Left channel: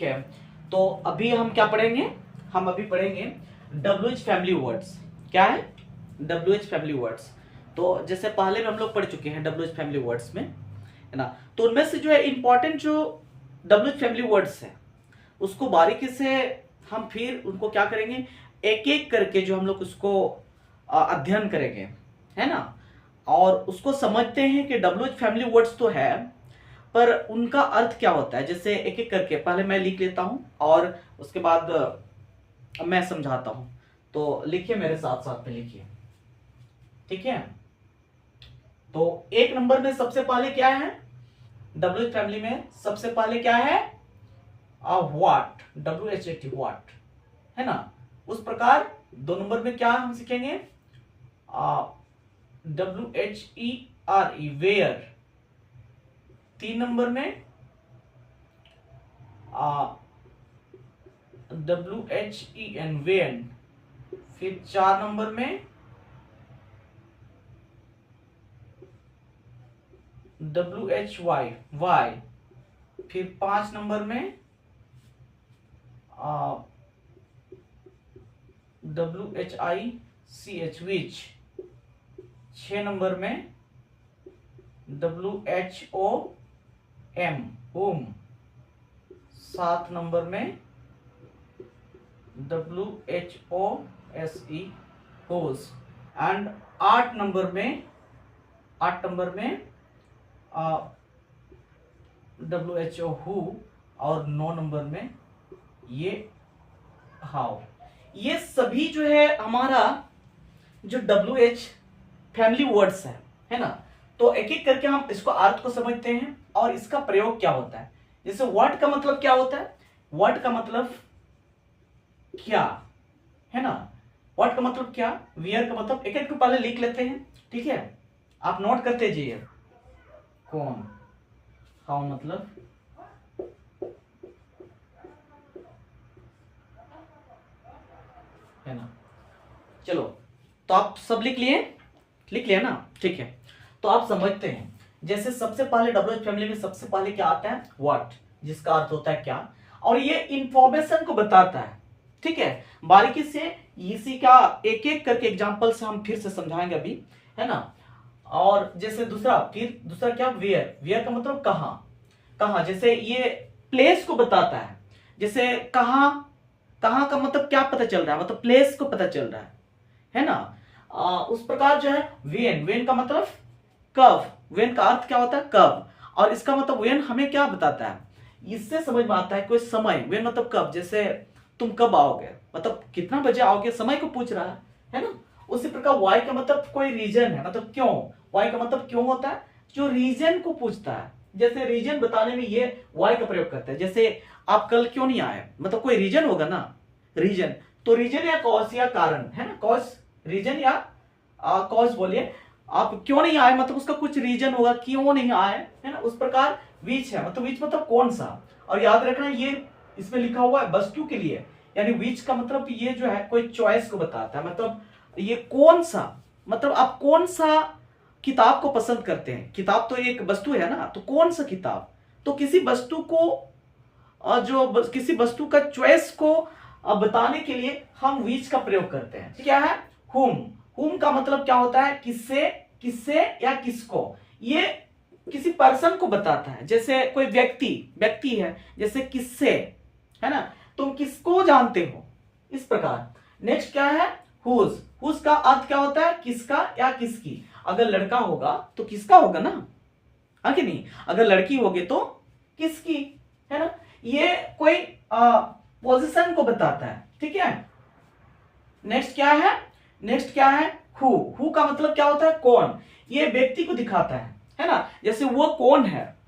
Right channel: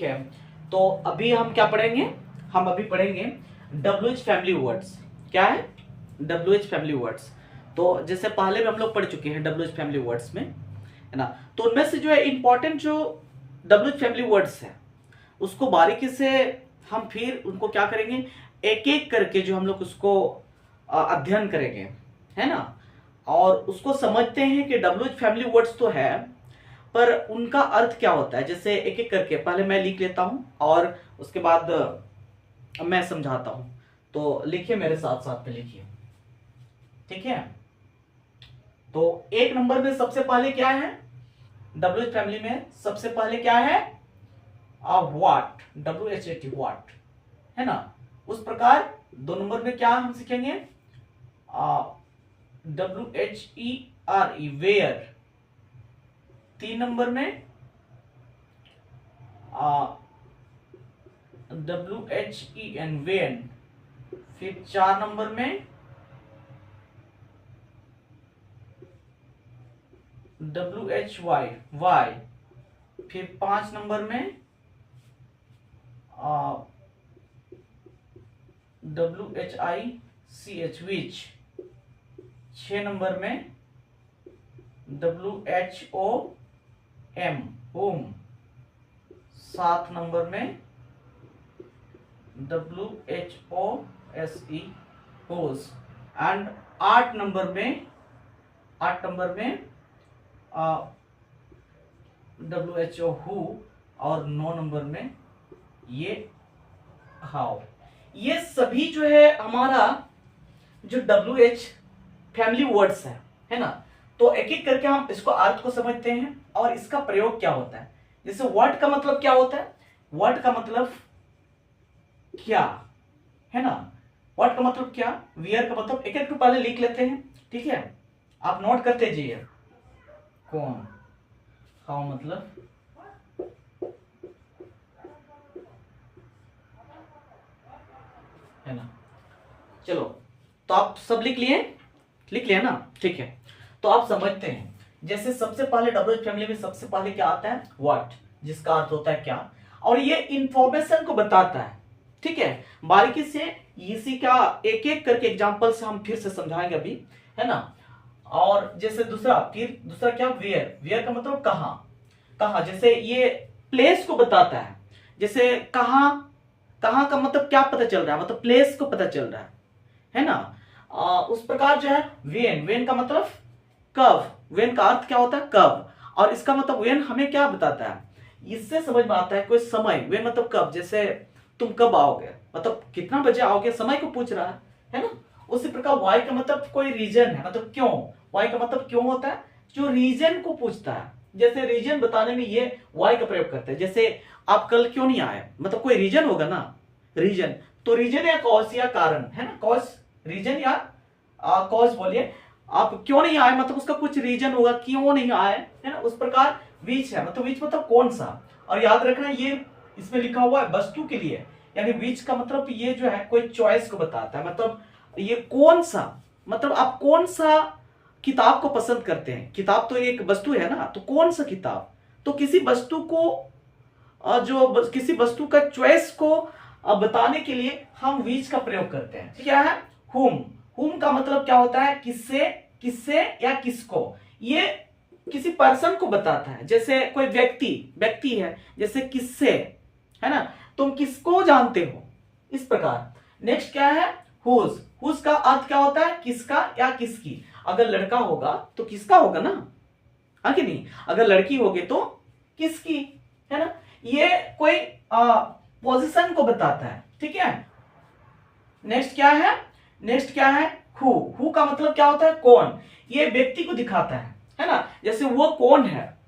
है। तो अभी हम क्या पढ़ेंगे? हम अभी पढ़ेंगे WH फैमिली वर्ड्स। क्या है WH फैमिली वर्ड्स? तो जैसे पहले भी हम लोग पढ़ चुके हैं WH फैमिली वर्ड्स में, है ना। तो उनमें से जो है इंपॉर्टेंट जो WH फैमिली वर्ड्स है उसको बारीकी से हम फिर उनको क्या करेंगे, एक एक करके जो हम लोग उसको अध्ययन करेंगे, है ना। और उसको समझते हैं कि WH फैमिली वर्ड्स तो है पर उनका अर्थ क्या होता है। जैसे एक एक करके पहले मैं लिख लेता हूं और उसके बाद मैं समझाता हूं। तो लिखिए, मेरे साथ साथ में लिखिए, ठीक है। तो एक नंबर में सबसे पहले क्या है WH फैमिली में? सबसे पहले क्या है? व्हाट, WHAT, व्हाट, है ना। उस प्रकार दो नंबर में क्या हम सीखेंगे? WHERE, where. तीन नंबर में WHEN, वेन। फिर चार नंबर में WHY, वाई। फिर पांच नंबर में WHICH, विच। छह नंबर में WHOM, होम। सात नंबर में WHOSE, होस। एंड आठ नंबर में WHO, हु। और नौ नंबर में ये हाउ। ये सभी जो है हमारा जो WH फैमिली वर्ड्स है ना। तो एक एक करके हम इसको अर्थ को समझते हैं और इसका प्रयोग क्या होता है। जैसे वर्ड का मतलब क्या होता है? वर्ड का मतलब क्या, है ना। वर्ड का मतलब क्या, वियर का मतलब, एक एक पहले लिख लेते हैं, ठीक है। आप नोट करते जाइए। कौन, हाउ मतलब, है ना। चलो, तो आप सब लिख लिए? लिख लिया ना, ठीक है। तो आप समझते हैं, जैसे सबसे पहले WH फैमिली में सबसे पहले क्या आता है? व्हाट, जिसका अर्थ होता है क्या, और ये इंफॉर्मेशन को बताता है, ठीक है। बारीकी से इसी का एक एक करके एग्जांपल से हम फिर से समझाएंगे अभी, है ना। और जैसे दूसरा क्या? वेयर। वेयर का मतलब कहां, कहां। जैसे ये प्लेस को बताता है। जैसे कहां, कहां का मतलब क्या पता चल रहा है, मतलब प्लेस को पता चल रहा है ना। उस प्रकार जो है वेन, वेन का मतलब कब। वेन का अर्थ क्या होता है? कब। और इसका मतलब वेन हमें क्या बताता है, इससे समझ में आता है कोई समय। वेन मतलब कब, जैसे तुम कब आओगे, मतलब कितना बजे आओगे, समय को पूछ रहा है ना। उसी प्रकार वाई का मतलब कोई रीजन है, मतलब क्यों। वाई का मतलब क्यों होता है, जो रीजन को पूछता है। जैसे रीजन बताने में ये वाई का प्रयोग करते हैं। जैसे आप कल क्यों नहीं आए, मतलब कोई रीजन होगा ना, रीजन। तो रीजन या कॉज या कारण, है ना। कॉज, रीजन या कॉज बोलिए। आप क्यों नहीं आए मतलब उसका कुछ रीजन होगा, क्यों नहीं आए, है ना। उस प्रकार विच है, मतलब विच मतलब कौन सा। और याद रखना ये इसमें लिखा हुआ है वस्तु के लिए, यानी विच का मतलब ये जो है कोई चॉइस को बताता है। मतलब ये कौन सा, मतलब आप कौन सा किताब को पसंद करते हैं। किताब तो एक वस्तु है ना, तो कौन सा किताब। तो किसी वस्तु को किसी वस्तु का चॉइस को बताने के लिए हम विच का प्रयोग करते हैं। क्या है? हुम। हुम का मतलब क्या होता है? किससे, किससे या किसको। ये किसी पर्सन को बताता है। जैसे कोई व्यक्ति है, जैसे किससे, है ना। तुम किसको जानते हो, इस प्रकार। नेक्स्ट क्या है? हुज। हुज का अर्थ क्या होता है? किसका या किसकी। अगर लड़का होगा तो किसका होगा ना, हाँ कि नहीं। अगर लड़की होगी तो किसकी, है ना। ये कोई पोजीशन को बताता है, ठीक है। नेक्स्ट क्या है? नेक्स्ट क्या है? हु का मतलब क्या होता है? कौन। ये व्यक्ति को दिखाता है ना। जैसे वो कौन है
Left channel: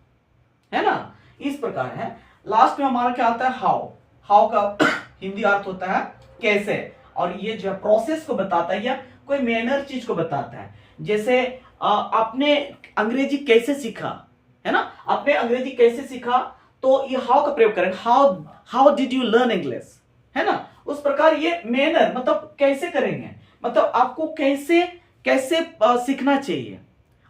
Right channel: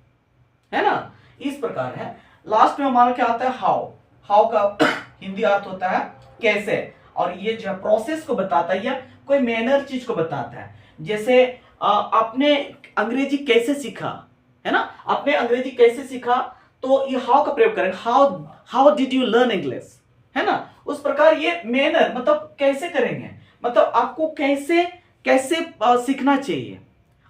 ना। इस प्रकार है। लास्ट में हमारा क्या आता है? हाउ। हाउ का हिंदी अर्थ होता है कैसे। और ये जो प्रोसेस को बताता है या कोई मैनर चीज को बताता है। जैसे आपने अंग्रेजी कैसे सीखा, है ना। आपने अंग्रेजी कैसे सीखा, तो ये हाउ का प्रयोग करेंगे। How did you learn English, है ना। उस प्रकार ये मैनर मतलब कैसे करेंगे, मतलब आपको कैसे कैसे सीखना चाहिए,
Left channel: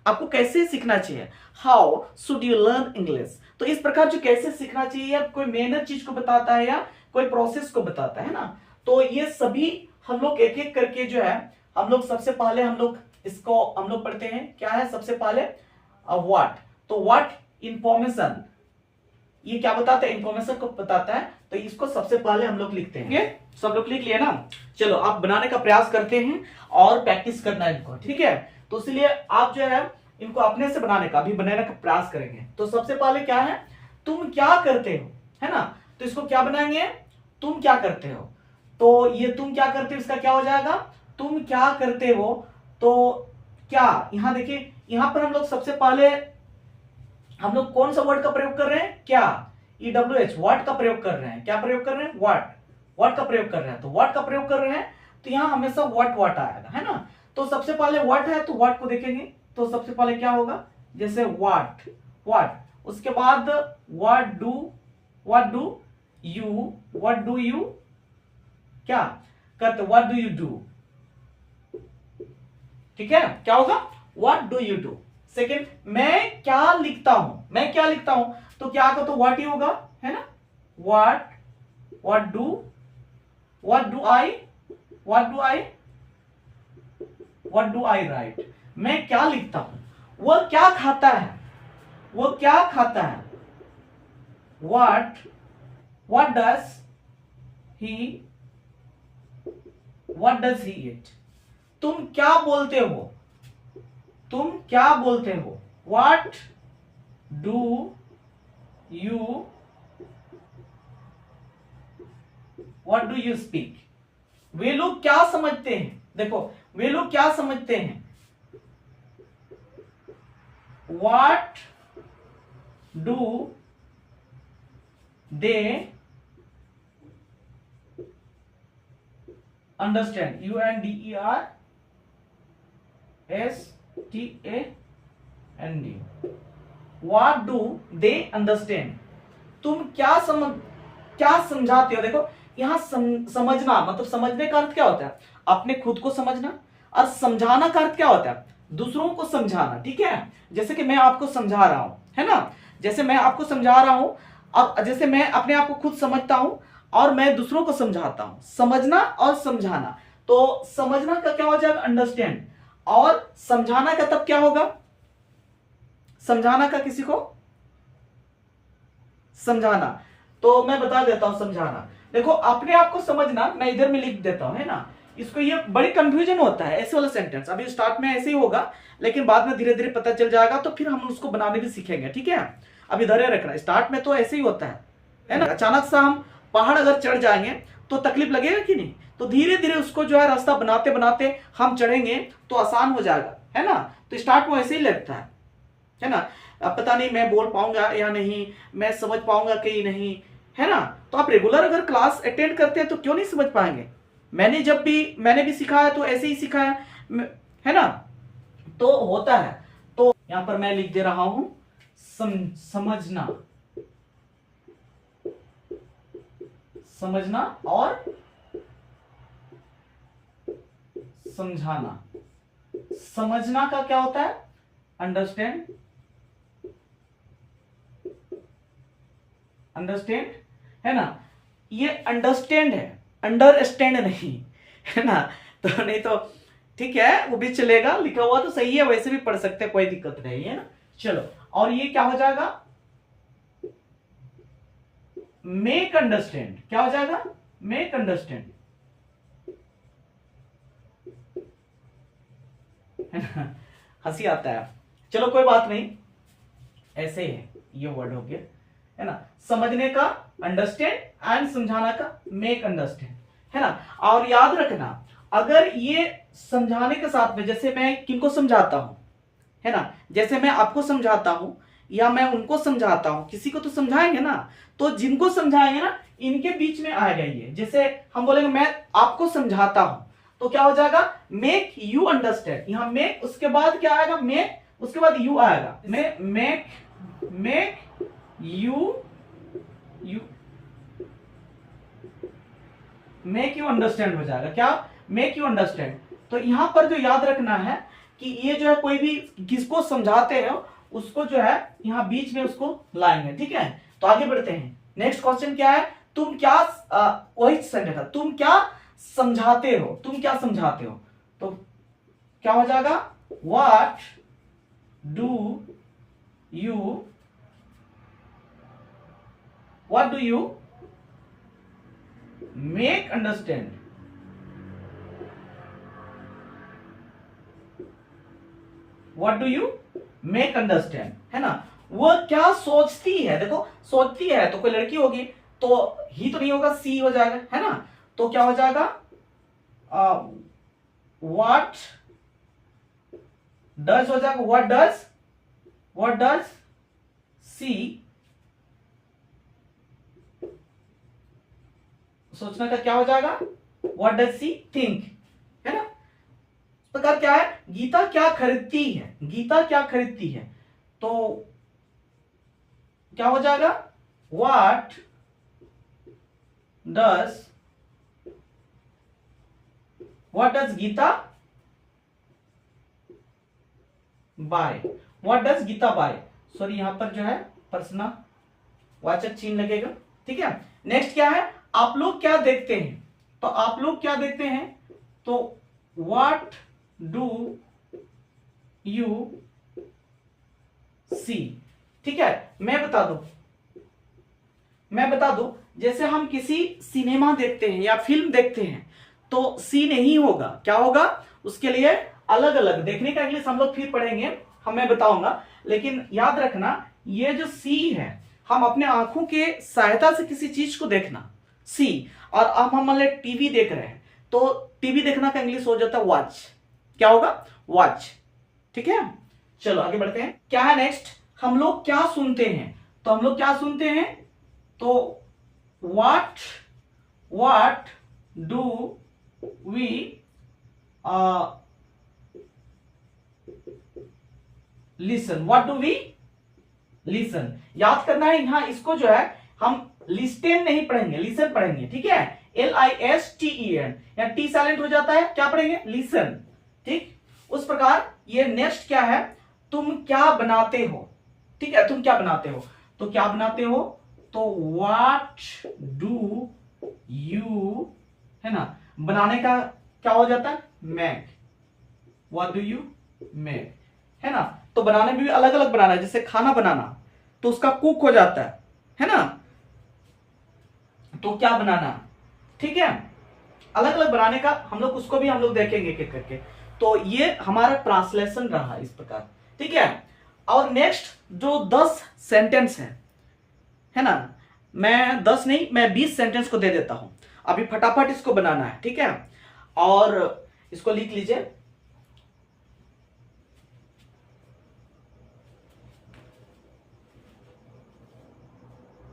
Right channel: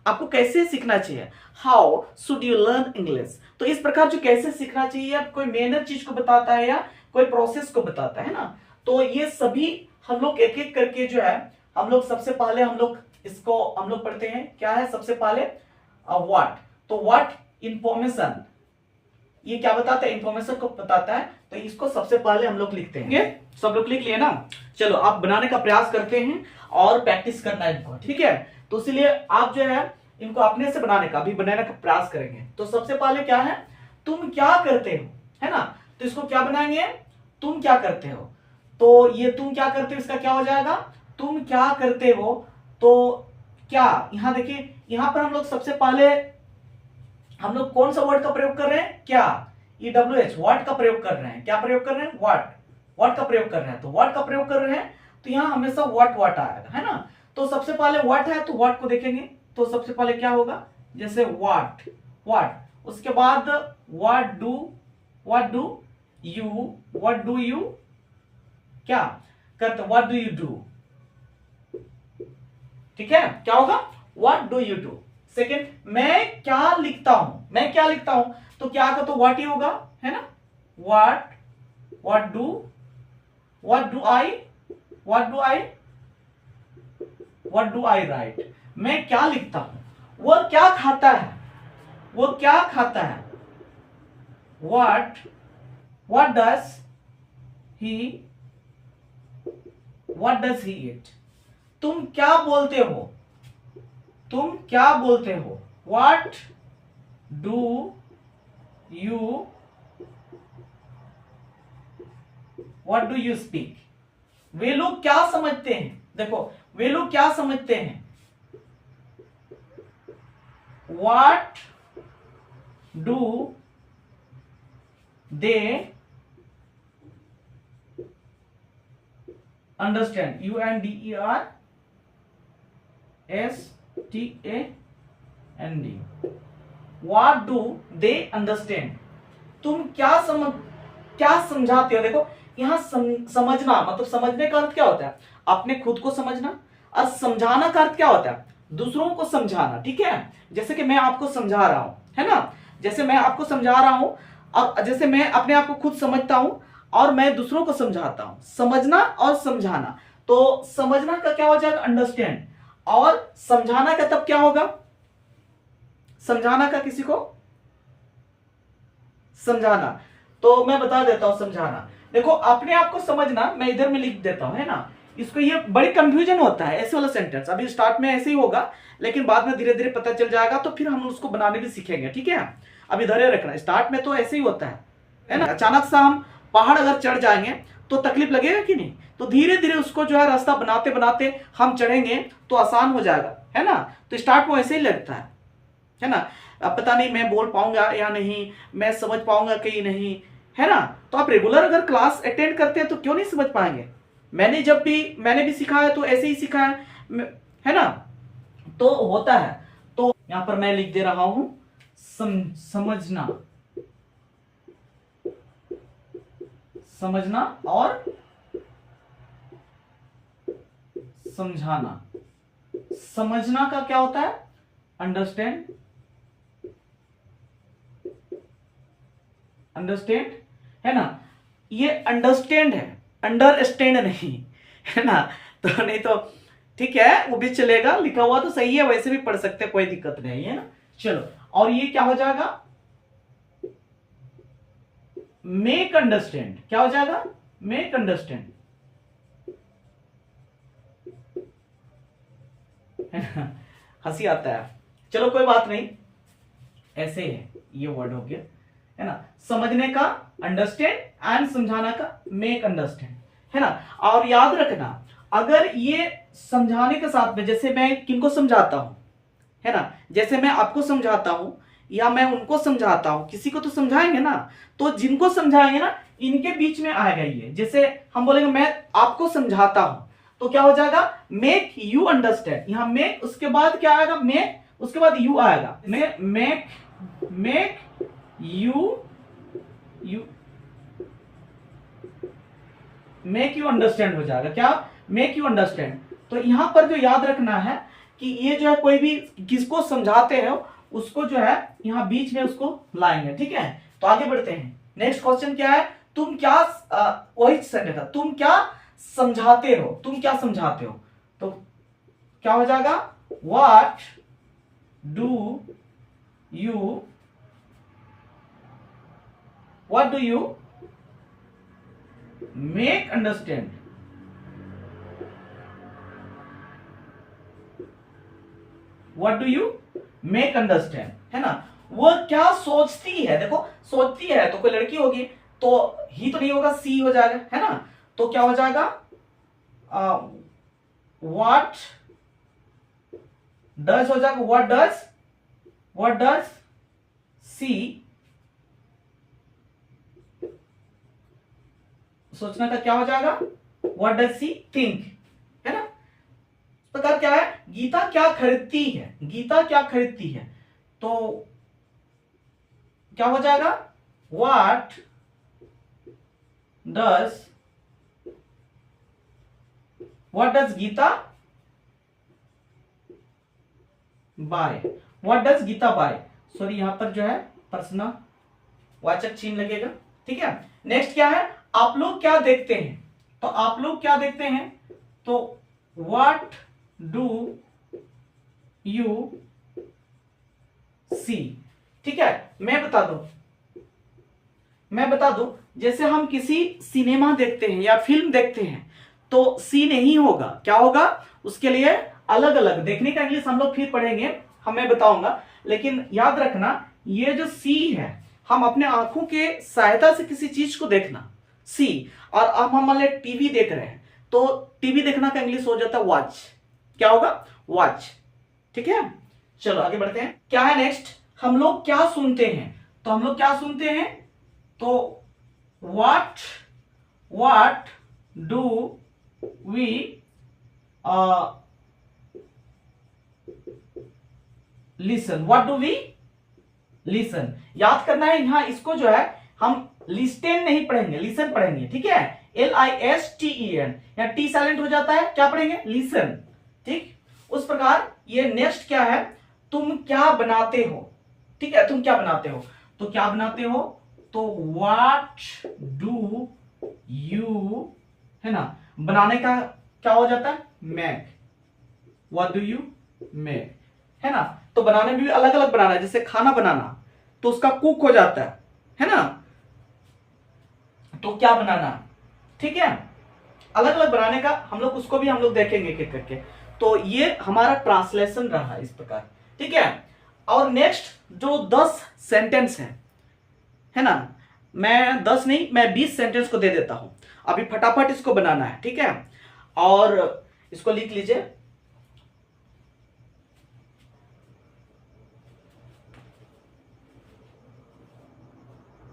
आपको कैसे सीखना चाहिए। How should you learn English. तो इस प्रकार जो कैसे सीखना चाहिए, कोई मेनर चीज को बताता है या कोई प्रोसेस को बताता है ना। तो ये सभी हम लोग एक एक करके जो है, हम लोग सबसे पहले हम लोग इसको हम लोग पढ़ते हैं। क्या है सबसे पहले व्हाट। तो व्हाट इंफॉर्मेशन, ये क्या बताता है, इंफॉर्मेशन को बताता है। तो इसको सबसे पहले हम लोग लिखते हैं। सब लोग लिख लिया ना। चलो आप बनाने का प्रयास करते हैं और प्रैक्टिस करना है इनको, ठीक है। तो इसलिए आप जो है इनको अपने से बनाने का, अभी बनाने का प्रयास करेंगे। तो सबसे पहले क्या है, तुम क्या करते हो, है ना। तो इसको क्या बनाएंगे, तुम क्या करते हो। तो ये तुम क्या करते हो, इसका क्या हो जाएगा, तुम क्या करते हो। तो क्या, यहां देखिए, यहां पर हम लोग सबसे पहले हम लोग कौन सा वर्ड का प्रयोग कर रहे हैं, क्या, EWH वर्ड का प्रयोग कर रहे हैं। क्या प्रयोग कर रहे हैं, व्हाट, व्हाट का प्रयोग कर रहे हैं। तो व्हाट का प्रयोग कर रहे हैं, तो यहां हमेशा व्हाट आएगा, है ना। तो सबसे पहले व्हाट है, तो व्हाट को देखेंगे। तो सबसे पहले क्या होगा, जैसे व्हाट, उसके बाद व्हाट डू यू क्या करते, व्हाट डू यू डू, ठीक है। क्या होगा, what do you do. Second, मैं क्या लिखता हूं, तो क्या का तो व्हाट ही होगा, है ना। What do I right. मैं क्या लिखता हूं, वह क्या खाता है, व्हाट डज ही ईट। तुम क्या बोलते हो, व्हाट डू यू स्पीक। वे लोग क्या समझते हैं, देखो वे लोग क्या समझते हैं, what do they understand, UNDERSTAND, what do they understand. तुम क्या समझाते हो। देखो यहां समझना मतलब समझने का अर्थ क्या होता है, अपने खुद को समझना, और समझाना का अर्थ क्या होता है, दूसरों को समझाना, ठीक है। जैसे कि मैं आपको समझा रहा हूं, है ना, जैसे मैं आपको समझा रहा हूं। अब जैसे मैं अपने आप को खुद समझता हूं और मैं दूसरों को समझाता हूं, समझना और समझाना। तो समझना का क्या हो जाएगा, अंडरस्टैंड, और समझाना का तब क्या होगा, समझाना का किसी को समझाना। तो मैं बता देता हूं समझाना। देखो अपने आप को समझना मैं इधर में लिख देता हूं, है ना। इसको ये बड़ी कंफ्यूजन होता है ऐसे वाला सेंटेंस, अभी स्टार्ट में ऐसे ही होगा, लेकिन बाद में धीरे धीरे पता चल जाएगा, तो फिर हम उसको बनाने भी सीखेंगे, ठीक है। अब इधर ही रखना, स्टार्ट में तो ऐसे ही होता है ना। अचानक से हम पहाड़ अगर चढ़ जाएंगे तो तकलीफ लगेगा कि नहीं। तो धीरे धीरे उसको जो है रास्ता बनाते बनाते हम चढ़ेंगे तो आसान हो जाएगा, है ना। तो स्टार्ट में ऐसे ही लगता है ना। अब पता नहीं मैं बोल पाऊंगा या नहीं, मैं समझ पाऊंगा कि नहीं, है ना। तो आप रेगुलर अगर क्लास अटेंड करते हैं तो क्यों नहीं समझ पाएंगे। मैंने भी सीखा है तो ऐसे ही सीखा है ना। तो होता है। तो यहां पर मैं लिख दे रहा हूं समझना और समझाना। समझना का क्या होता है, अंडरस्टैंड है ना। ये अंडरस्टैंड है, अंडरस्टैंड नहीं, है ना। तो नहीं तो ठीक है, वो भी चलेगा, लिखा हुआ तो सही है, वैसे भी पढ़ सकते हैं, कोई दिक्कत नहीं है ना। चलो, और ये क्या हो जाएगा, मेक अंडरस्टैंड। क्या हो जाएगा, मेक अंडरस्टैंड, है ना। हंसी आता है, चलो कोई बात नहीं, ऐसे ही है, ये वर्ड हो गया, है ना। समझने का अंडरस्टैंड एंड समझाना का मेक अंडरस्टैंड, है ना। और याद रखना, अगर ये समझाने के साथ में, जैसे मैं किनको समझाता हूं, है ना, जैसे मैं आपको समझाता हूं या मैं उनको समझाता हूं, किसी को तो समझाएंगे ना। तो जिनको समझाएंगे ना, इनके बीच में आएगा ये। जैसे हम बोलेंगे मैं आपको समझाता हूं, तो क्या हो जाएगा, मेक यू अंडरस्टैंड। यहां मेक, उसके बाद क्या आएगा, मेक, उसके बाद यू आएगा, मेक यू अंडरस्टैंड हो जाएगा। क्या, मेक यू अंडरस्टैंड। तो यहां पर जो याद रखना है कि ये जो है, कोई भी किसको समझाते हो उसको जो है यहाँ बीच में उसको लाएंगे, ठीक है। तो आगे बढ़ते हैं। नेक्स्ट क्वेश्चन क्या है, तुम क्या वही सेंटेंस था, तुम क्या समझाते हो, तुम क्या समझाते हो। तो क्या हो जाएगा, what do you, what do you make understand, what do you make understand, है ना। वह क्या सोचती है, देखो सोचती है तो कोई लड़की होगी, तो ही तो नहीं होगा, सी हो जाएगा, है ना। तो क्या हो जाएगा, व्हाट डज हो जाएगा, व्हाट डज सी, सोचना का क्या हो जाएगा, व्हाट डज सी थिंक, है ना। इस प्रकार क्या है, गीता क्या खरीदती है, गीता क्या खरीदती है। तो क्या हो जाएगा, what does Geeta buy, what does Geeta buy, sorry यहां पर जो है पर्सनल वाचक चिन्ह लगेगा, ठीक है। नेक्स्ट क्या है, आप लोग क्या देखते हैं, तो आप लोग क्या देखते हैं, तो व्हाट डू यू सी, ठीक है। मैं बता दूं, जैसे हम किसी सिनेमा देखते हैं या फिल्म देखते हैं तो सी नहीं होगा, क्या होगा, उसके लिए अलग अलग देखने का इंग्लिश हम लोग फिर पढ़ेंगे, मैं बताऊंगा। लेकिन याद रखना, ये जो सी है, हम अपने आंखों के सहायता से किसी चीज को देखना, सी। और अब हम मान टीवी देख रहे हैं, तो टीवी देखना का इंग्लिश हो जाता है वॉच, क्या होगा, वॉच, ठीक है। चलो आगे बढ़ते हैं, क्या है नेक्स्ट, हम लोग क्या सुनते हैं, तो हम लोग क्या सुनते हैं, तो what do we listen, what do we listen, याद करना है यहां, इसको जो है हम लिस्टेन नहीं पढ़ेंगे, लिसन पढ़ेंगे, ठीक है। LISTEN, या टी साइलेंट हो जाता है, क्या पढ़ेंगे, लिसन, ठीक। उस प्रकार ये नेक्स्ट क्या है, तुम क्या बनाते हो, ठीक है, तुम क्या बनाते हो, तो क्या बनाते हो, तो व्हाट डू यू, है ना, बनाने का क्या हो जाता है, make, what do you make, है ना। तो बनाने में भी अलग अलग बनाना है, जैसे खाना बनाना तो उसका कुक हो जाता है ना। तो क्या बनाना, ठीक है, अलग अलग बनाने का हम लोग, उसको भी हम लोग देखेंगे एक करके। तो ये हमारा ट्रांसलेशन रहा इस प्रकार, ठीक है। और नेक्स्ट जो 10 सेंटेंस है ना, मैं 10 नहीं, मैं 20 सेंटेंस को दे देता हूं, अभी फटाफट इसको बनाना है, ठीक है। और इसको लिख लीजिए,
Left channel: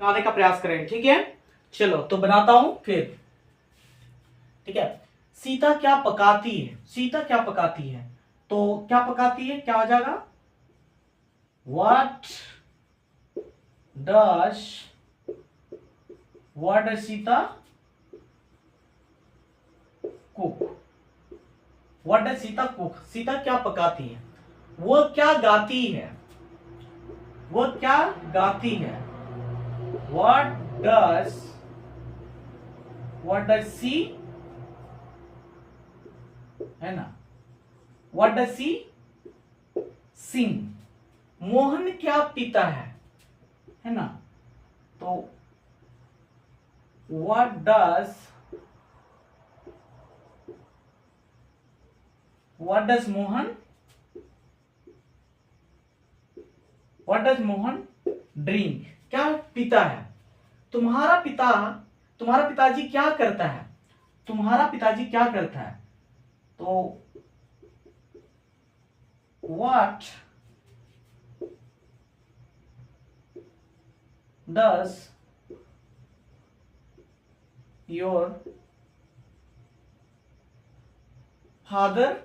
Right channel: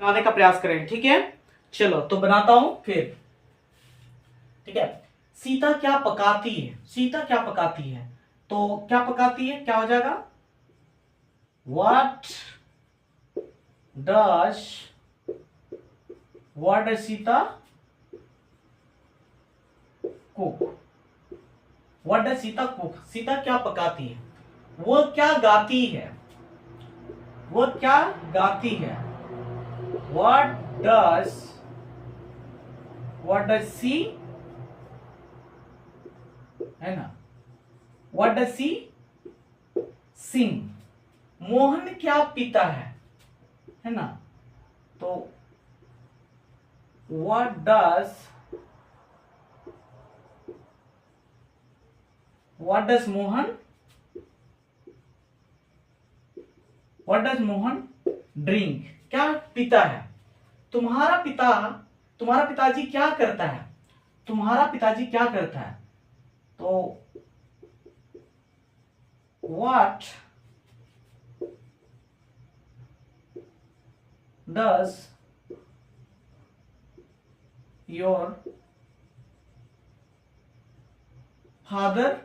बनाने का प्रयास करेंगे, ठीक है। चलो तो बनाता हूं फिर, ठीक है। सीता क्या पकाती है, सीता क्या पकाती है, तो क्या पकाती है, क्या हो जाएगा, what does Sita cook, what does Sita cook, Sita क्या पकाती है, वो क्या गाती है, वो क्या गाती है, व्हाट डज सी, है ना, व्हाट डज सी सिंग, मोहन क्या पीता है ना, तो व्हाट डज मोहन ड्रिंक, क्या पीता है, तुम्हारा पिताजी क्या करता है, तुम्हारा पिताजी क्या करता है, तो what does your father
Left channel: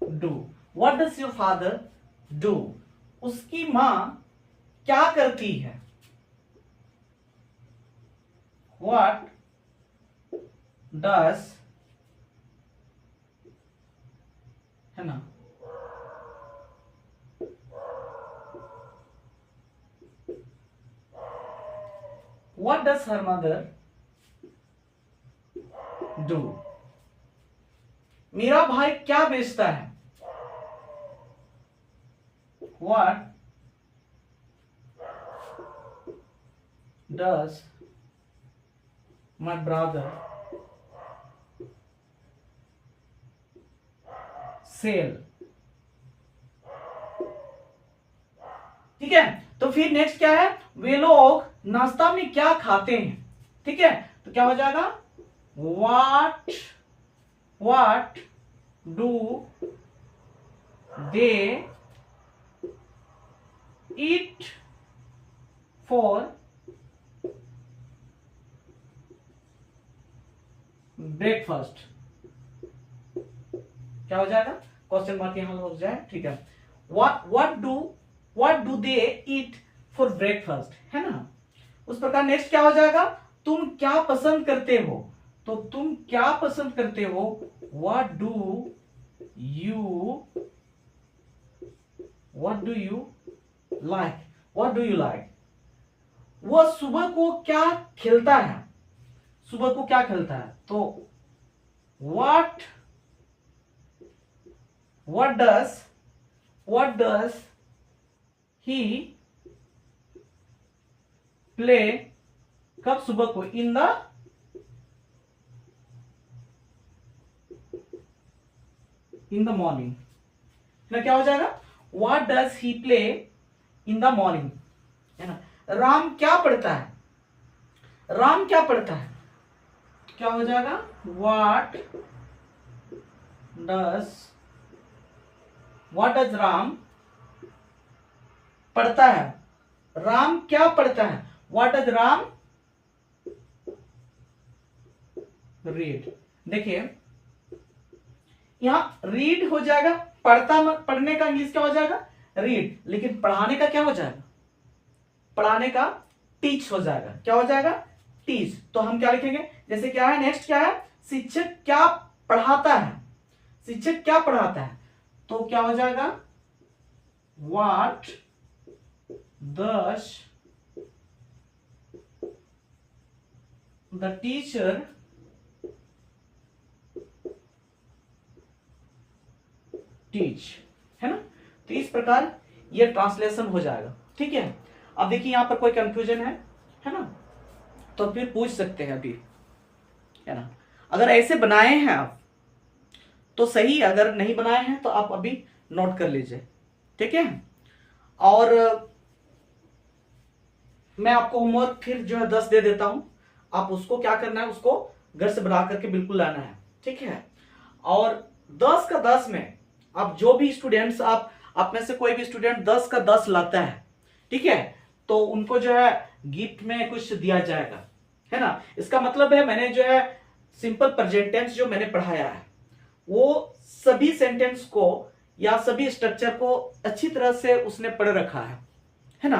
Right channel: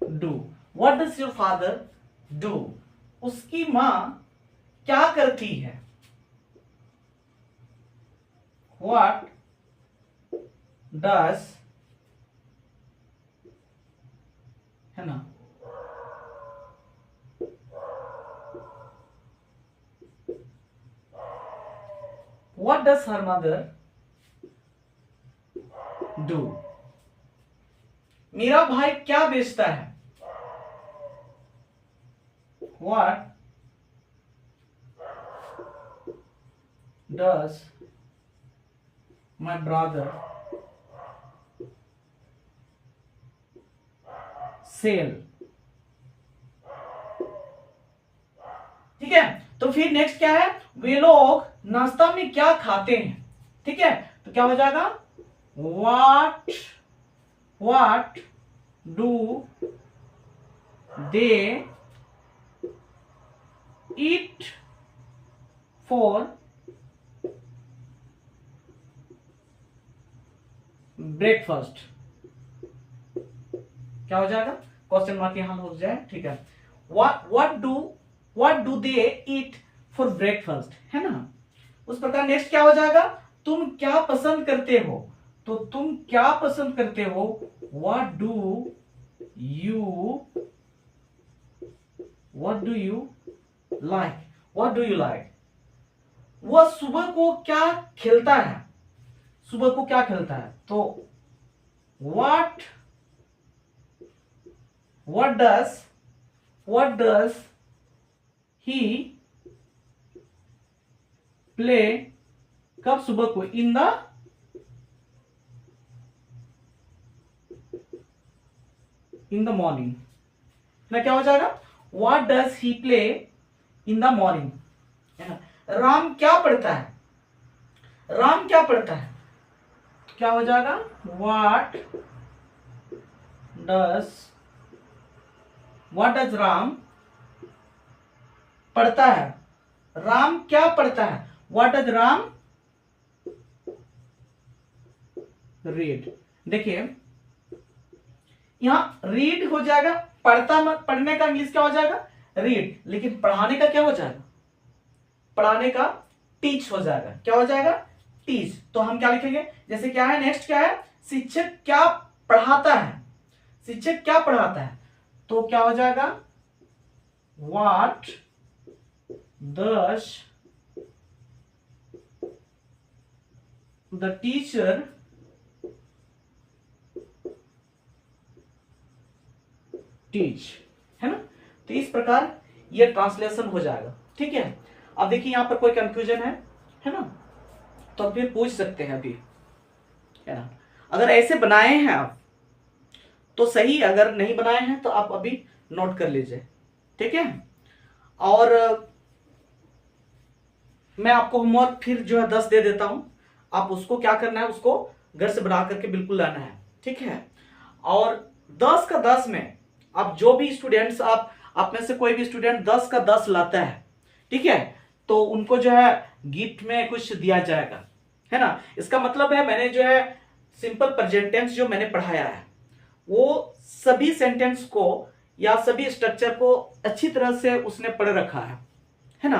do, what does your father do, उसकी मां क्या करती है, व्हाट डज, है ना, what does her mother do, मेरा भाई क्या बेचता है, what does my brother sell. ठीक है, तो फिर नेक्स्ट क्या है, वे लोग नाश्ता में क्या खाते हैं। ठीक है, तो क्या हो जाएगा, what do they eat for breakfast. क्या हो जाएगा, क्वेश्चन मार्क यहां हो जाए। ठीक है, what do they eat for breakfast, है ना। उस प्रकार नेक्स्ट क्या हो जाएगा, तुम क्या पसंद करते हो, तो तुम क्या पसंद करते हो, व्हाट डू यू लाइक। वह सुबह को क्या खेलता है, सुबह को क्या खेलता है, तो व्हाट डज ही प्ले, कब, सुबह को, इन द मॉर्निंग ना। क्या हो जाएगा, what does he play in the morning, है ना। राम क्या पढ़ता है, राम क्या पढ़ता है, क्या हो जाएगा, व्हाट डज राम पढ़ता है, राम क्या पढ़ता है, व्हाट डज राम रीड। देखिए यहां रीड हो जाएगा, पढ़ने का इंग्लिश क्या हो जाएगा, रीड, लेकिन पढ़ाने का क्या हो जाएगा, पढ़ाने का टीच हो जाएगा। क्या हो जाएगा, टीच। तो हम क्या लिखेंगे, जैसे क्या है, नेक्स्ट क्या है, शिक्षक क्या पढ़ाता है, शिक्षक क्या पढ़ाता है, तो क्या हो जाएगा, what does the teacher teach, है ना। तो इस प्रकार ये ट्रांसलेशन हो जाएगा। ठीक है, अब देखिए यहां पर कोई कंफ्यूजन है ना, तो फिर पूछ सकते हैं अभी, है ना। अगर ऐसे बनाए हैं आप तो सही, अगर नहीं बनाए हैं तो आप अभी नोट कर लीजिए। ठीक है, और मैं आपको होमवर्क फिर जो है 10 दे देता हूं, आप उसको क्या करना है, उसको घर से बना करके बिल्कुल लाना है। ठीक है, और 10 का 10 में आप जो भी स्टूडेंट्स, आप में से कोई भी स्टूडेंट 10 का 10 लाता है, ठीक है, तो उनको जो है गिफ्ट में कुछ दिया जाएगा, है ना। इसका मतलब है मैंने जो है सिंपल प्रेजेंट टेंस जो मैंने पढ़ाया है वो सभी सेंटेंस को या सभी स्ट्रक्चर को अच्छी तरह से उसने पढ़ रखा है ना।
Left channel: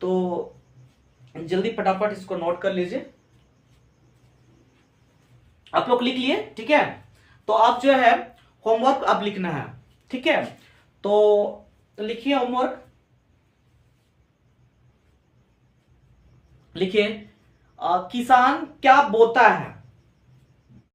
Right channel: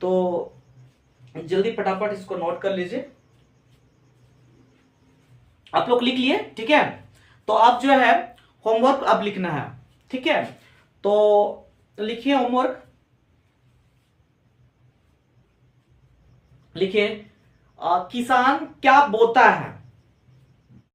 तो जल्दी फटाफट इसको नोट कर लीजिए, आप लोग लिख लिए। ठीक है, तो आप जो है होमवर्क अब लिखना है। ठीक है, तो लिखिए होमवर्क, लिखिए किसान क्या बोता है,